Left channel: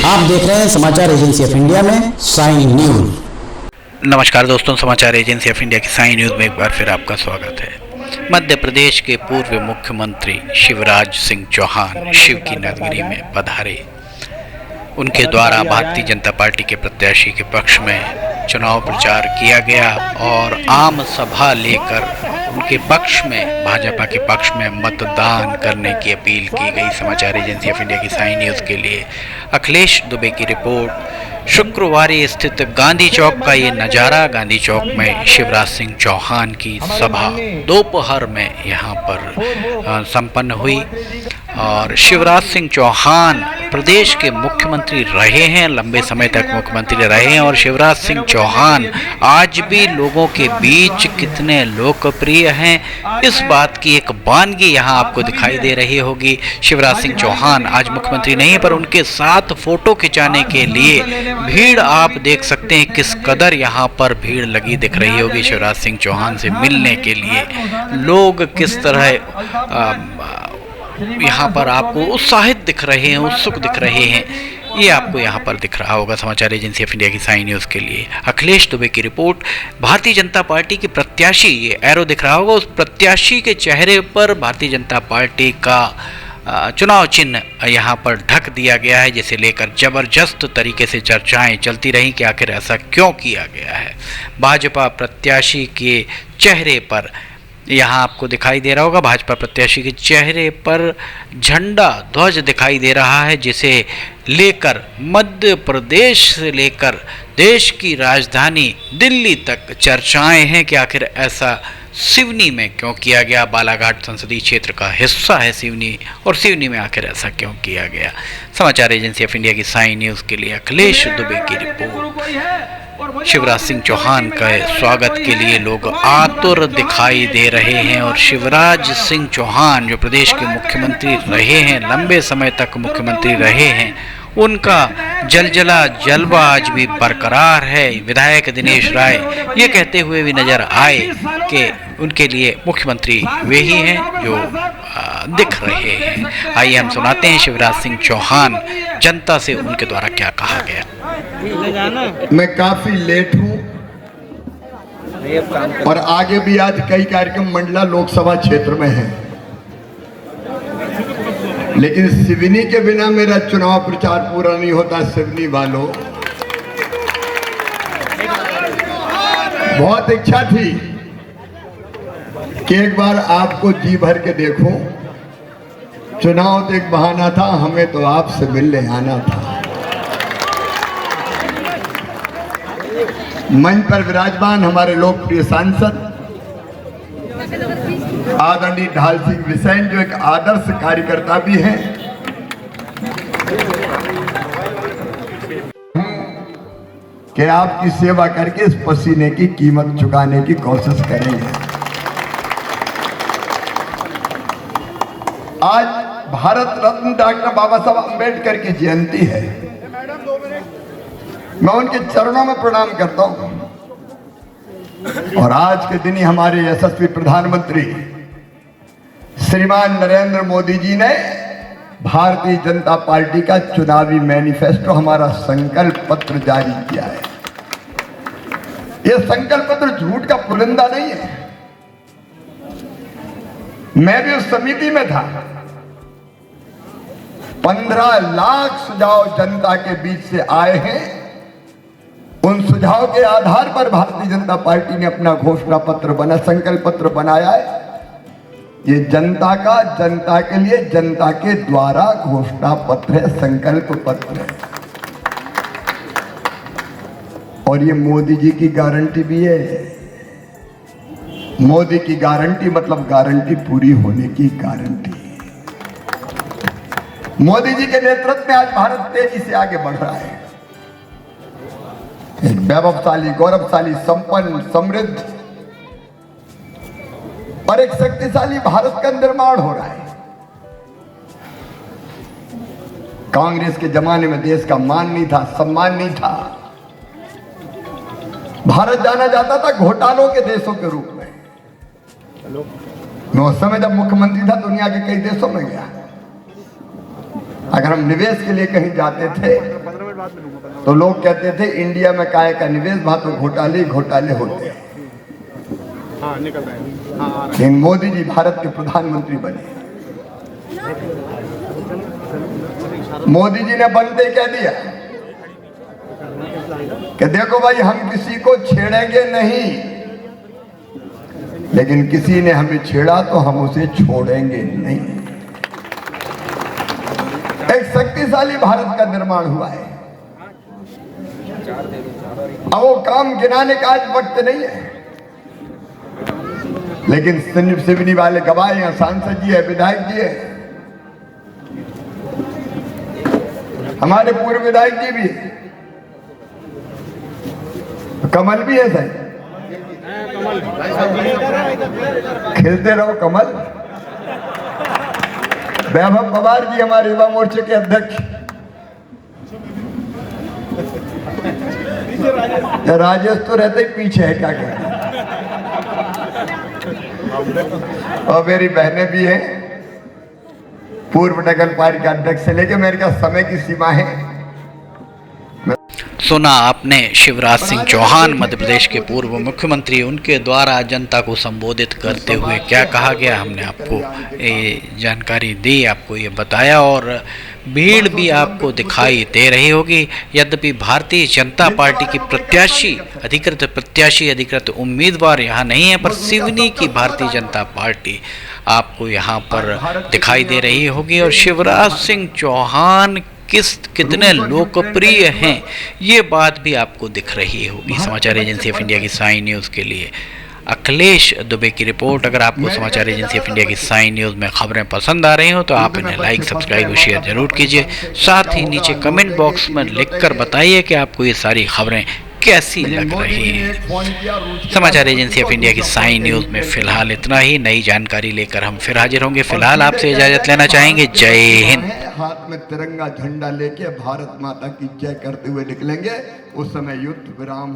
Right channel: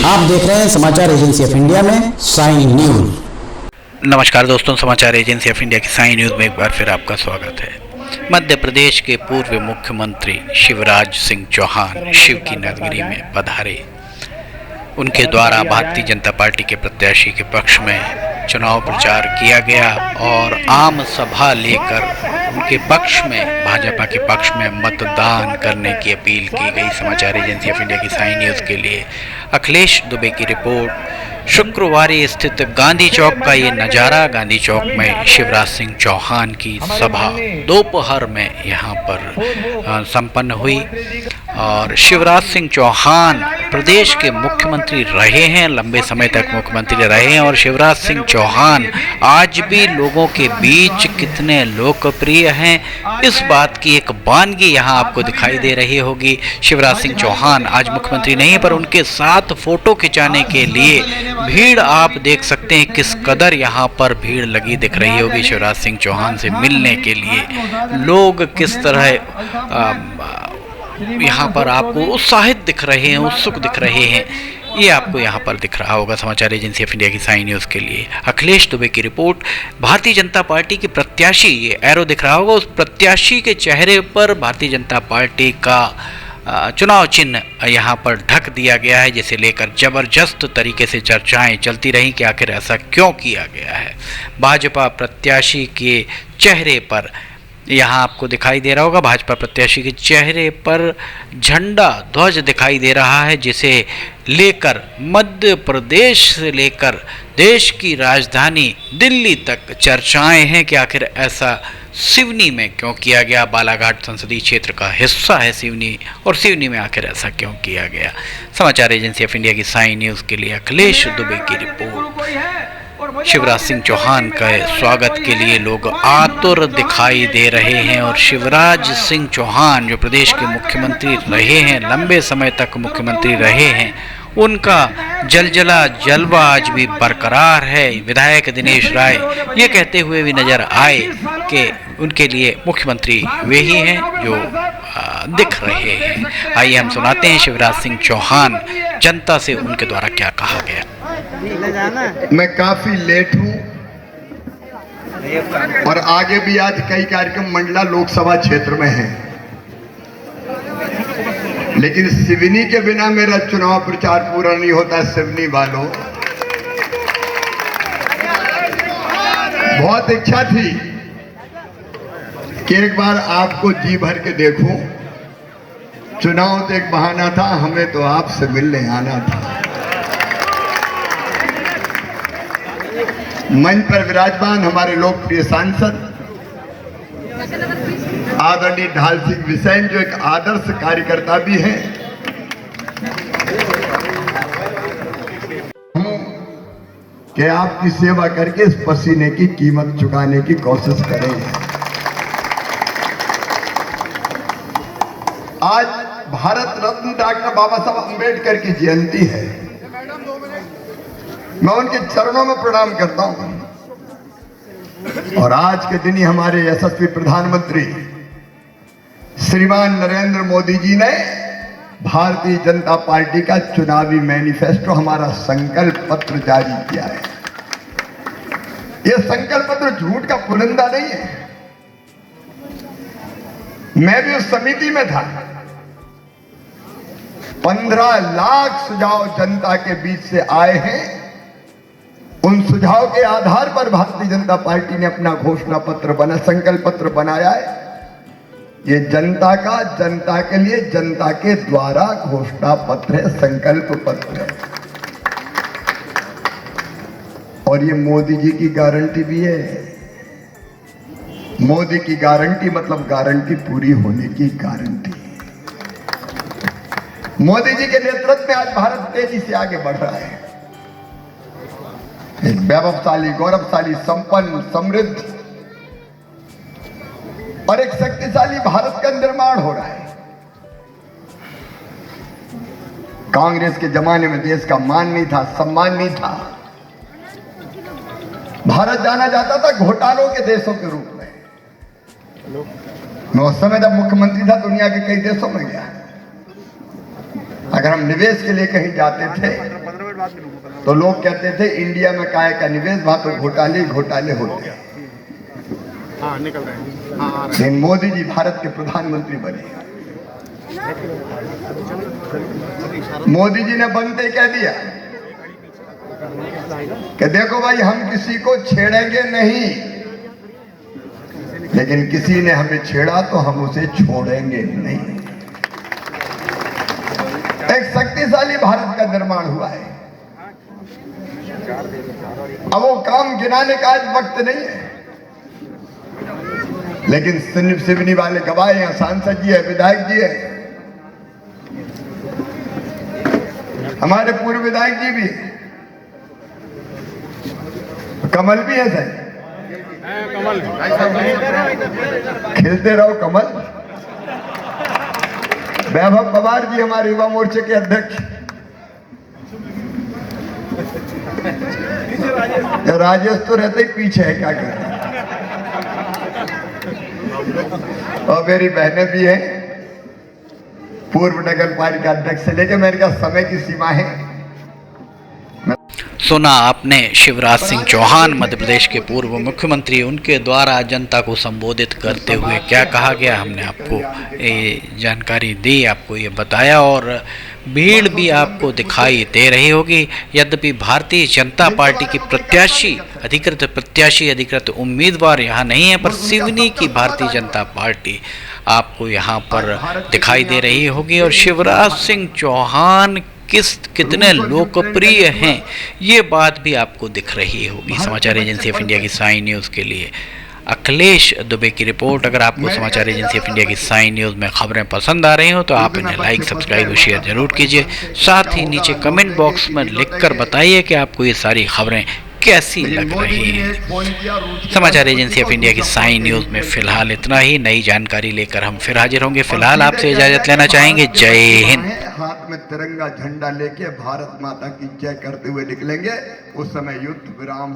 आप देख रहे हैं समाचार एजेंसी ऑफ इंडिया में साई न्यूज। नमस्कार दोस्तों, समाचार एजेंसी ऑफ इंडिया की साई न्यूज में एक बार फिर आपका स्वागत है। मध्य प्रदेश के पूर्व मुख्यमंत्री शिवराज सिंह चौहान शिव की नगरी में पधारे। उनके द्वारा भारतीय जनता पार्टी के प्रत्याशी के पक्ष में चुनाव प्रचार किया गया और आम सभा लेकर उनके पक्ष में, भाजपा के पक्ष में मतदान करने की अपील की गई। समाचार एजेंसी ऑफ इंडिया की साई न्यूज़ के लिए अखिलेश दुबे की रिपोर्ट। शुक्रवार स्थित गांधी चौक का ये नज़ारा। गांधी चौक में शिवराज सिंह चौहान की सभा दोपहर में यहाँ पर संपन्न हुई और शिवराज सिंह चौहान प्रदेश के मुख्यमंत्री रहे हैं, लंबे समय तक मुख्यमंत्री रहे हैं और शिवराज सिंह चौहान आज भी लोगों के बीच कितने लोकप्रिय हैं, इस बात की एक वानगी यहाँ आपको दिखाई दे रही होगी। शिवराज सिंह चौहान आज मुख्यमंत्री नहीं है, पर उनके साथ फोटो खिंचाने के लिए भीड़ आप देख सकते हैं किस कदर यहाँ पर भीड़ लगी दिख रही होगी। शिवराज सिंह चौहान से मिलने के लिए लोग किस तरह यहाँ पर आपको उत्साहित दिख रहे हैं, उत्सुक दिख रहे हैं, ये आपको यहाँ पर दिख रहा होगा। समाचार एजेंसी ऑफ इंडिया की साई न्यूज़ के लिए अखिलेश दुबे की रिपोर्ट। भारतीय जनता पार्टी के प्रत्याशी, ये एरो दिख रहा होगा, उस प्रत्याशी के चेहरे पर भारतीय जनता पार्टी का चुनाव चिन्ह यहाँ पर ढक दिया गया है, जिसे लेकर जबरदस्त तरीके से चर्चाएं चलती रहीं कि आखिर ऐसा क्यों किया गया है। भाजपा प्रत्याशी के चेहरे पर यहाँ आपको दिखाई दे रहा होगा, भाजपा प्रत्याशी के चेहरे पर झंडा ध्वज दिखाई दे रहा है, जिसे लेकर मध्य प्रदेश से लेकर देश की राजधानी दिल्ली तक चर्चाएं हैं कि आखिर ऐसा सिवनी में क्यों किया गया। बालाघाट संसदीय क्षेत्र का हिस्सा है सिवनी, और सिवनी में आखिर ऐसा क्यों किया गया। समाचार एजेंसी ऑफ इंडिया की साई न्यूज़ के लिए अखिलेश दुबे की रिपोर्ट। शिवराज सिंह चौहान का स्वागत के लिए लोग आतुर दिखाई दे रहे हैं और शिवराज सिंह चौहान जो प्रदेश के मुख्यमंत्री रहे हैं, लंबे समय तक मुख्यमंत्री रहे हैं, उनका जलजला जलवा आज भी बरकरार है। विधायक दिनेश राय ये कहते हुए भी नजर आए कि उनके लिए मुख्यमंत्री वे ही हैं जो दिख रहे हैं। आइए हम सुनाते हैं शिवराज सिंह चौहान जनता से उनके द्वारा क्या कहा गया। मैं काफी लेट हूं और आगे भी आज कई कार्यक्रम मंडला लोकसभा क्षेत्र में हैं, लेकिन सिवनी के बिना मेरा चुनाव प्रचार पूरा नहीं होता। सिवनी वालों, बहुत इच्छा थी कि एक बार आपको जी भर के देखूं। चुनाव तो एक बहाना था, हमें तो आपसे मिलने आना था। मंच पर विराजमान हमारे लोकप्रिय सांसद आदरणीय ढाल सिंह बिसेन, जो एक आदर्श कार्यकर्ता भी हैं, कि आपकी सेवा करके इस पसीने की कीमत चुकाने की कोशिश करेंगे। आज भारत रत्न डॉक्टर बाबा साहब अंबेडकर की जयंती है। मैं उनके चरणों में प्रणाम करता हूं और आज के दिन ही हमारे यशस्वी प्रधानमंत्री श्रीमान नरेंद्र मोदी जी ने भारतीय जनता पार्टी का चुनावी मैनिफेस्टो, हमारा संकल्प पत्र जारी किया है। यह संकल्प पत्र झूठ का पुलिंदा नहीं है। मैं भी उस समिति में था। 15 लाख सुझाव जनता के बीच से आए हैं। उन सुझाव के आधार पर भारतीय जनता पार्टी ने अपना घोषणा पत्र बना, संकल्प पत्र बनाया है। ये जनता का, जनता के लिए, जनता के द्वारा घोषणा पत्र है, संकल्प पत्र है। और ये मोदी जी की गारंटी भी है। मोदी की गारंटी मतलब गारंटी पूरी होने की गारंटी। मोदी जी के नेतृत्व में आज भारत तेजी से आगे बढ़ रहा है। एक वैभवशाली, गौरवशाली, संपन्न, समृद्ध और एक शक्तिशाली भारत का निर्माण हो रहा है। कांग्रेस के जमाने में देश का मान नहीं था, सम्मान नहीं था। भारत जाना जाता था घोटालों के देशों के रूप में। मैं उस समय जब मुख्यमंत्री था दुनिया के कई देशों में गया। अगर हम निवेश के लिए कहीं जाते थे बाद मिलूंगा। तो लोग कहते थे इंडिया में काय का निवेश, वहां तो घोटाले घोटाले होते हैं। हाँ, निकल रहा है। लेकिन मोदी जी भारत के प्रधानमंत्री बने। मोदी जी ने बनते कह दिया कि देखो भाई, हम किसी को छेड़ेंगे नहीं, लेकिन किसी ने हमें छेड़ा तो हम उसे छोड़ेंगे नहीं। एक शक्तिशाली भारत का निर्माण हुआ है। अब वो काम गिनाने का आज वक्त नहीं है, लेकिन सिवनी वाले गवाह हैं, सांसद जी है, विधायक जी है, हमारे पूर्व विधायक जी भी है, कमल भी है सर, खिलते रहो कमल। वैभव पवार जी हमारे युवा मोर्चे के अध्यक्ष, राजेश तो रहते ही पीछे है, क्या कहते हैं। और मेरी बहनें भी हैं, पूर्व नगर पालिका अध्यक्ष से लेकर मेरे का समय की सीमा है। सुना आपने शिवराज सिंह चौहान, मध्य प्रदेश के पूर्व मुख्यमंत्री, उनके द्वारा जनता को संबोधित करते हुए क्या कहा गया, हमने आपको ये जानकारी दी, आपको ये बताया, और भीड़ भी आपको दिखाई दे रही होगी। यद्यपि भारतीय जनता पार्टी की अधिकृत उम्मीदवार यहाँ नहीं है, पर सिवनी की भारतीय जनता पार्टी आपको यहाँ पर दिखाई दे रही होगी। और शिवराज सिंह चौहान कितने लोकप्रिय हैं, ये बात भी आपको दिख रही होगी। समाचार एजेंसी ऑफ इंडिया की साई न्यूज़ के लिए अखिलेश दुबे की रिपोर्ट। अगर आपको समाचार एजेंसी ऑफ इंडिया की साई न्यूज़ में खबरें पसंद आ रही हो तो आप इन्हें लाइक, सब्सक्राइब और शेयर जरूर कीजिए। साथ ही नीचे कमेंट बॉक्स में लिखकर बताइए कि आपको ये सारी खबरें कैसी लग रही हैं। समाचार एजेंसी ऑफ इंडिया की साई न्यूज़ में फिलहाल इतना ही। नई जानकारी लेकर हम फिर हाजिर होंगे। फिलहाल आपसे इजाज़त लेना चाहेंगे। जय हिंद। हाथ में तिरंगा झंडा लेके भारत माता की जय करते हुए निकलेंगे। उस समय युद्ध विराम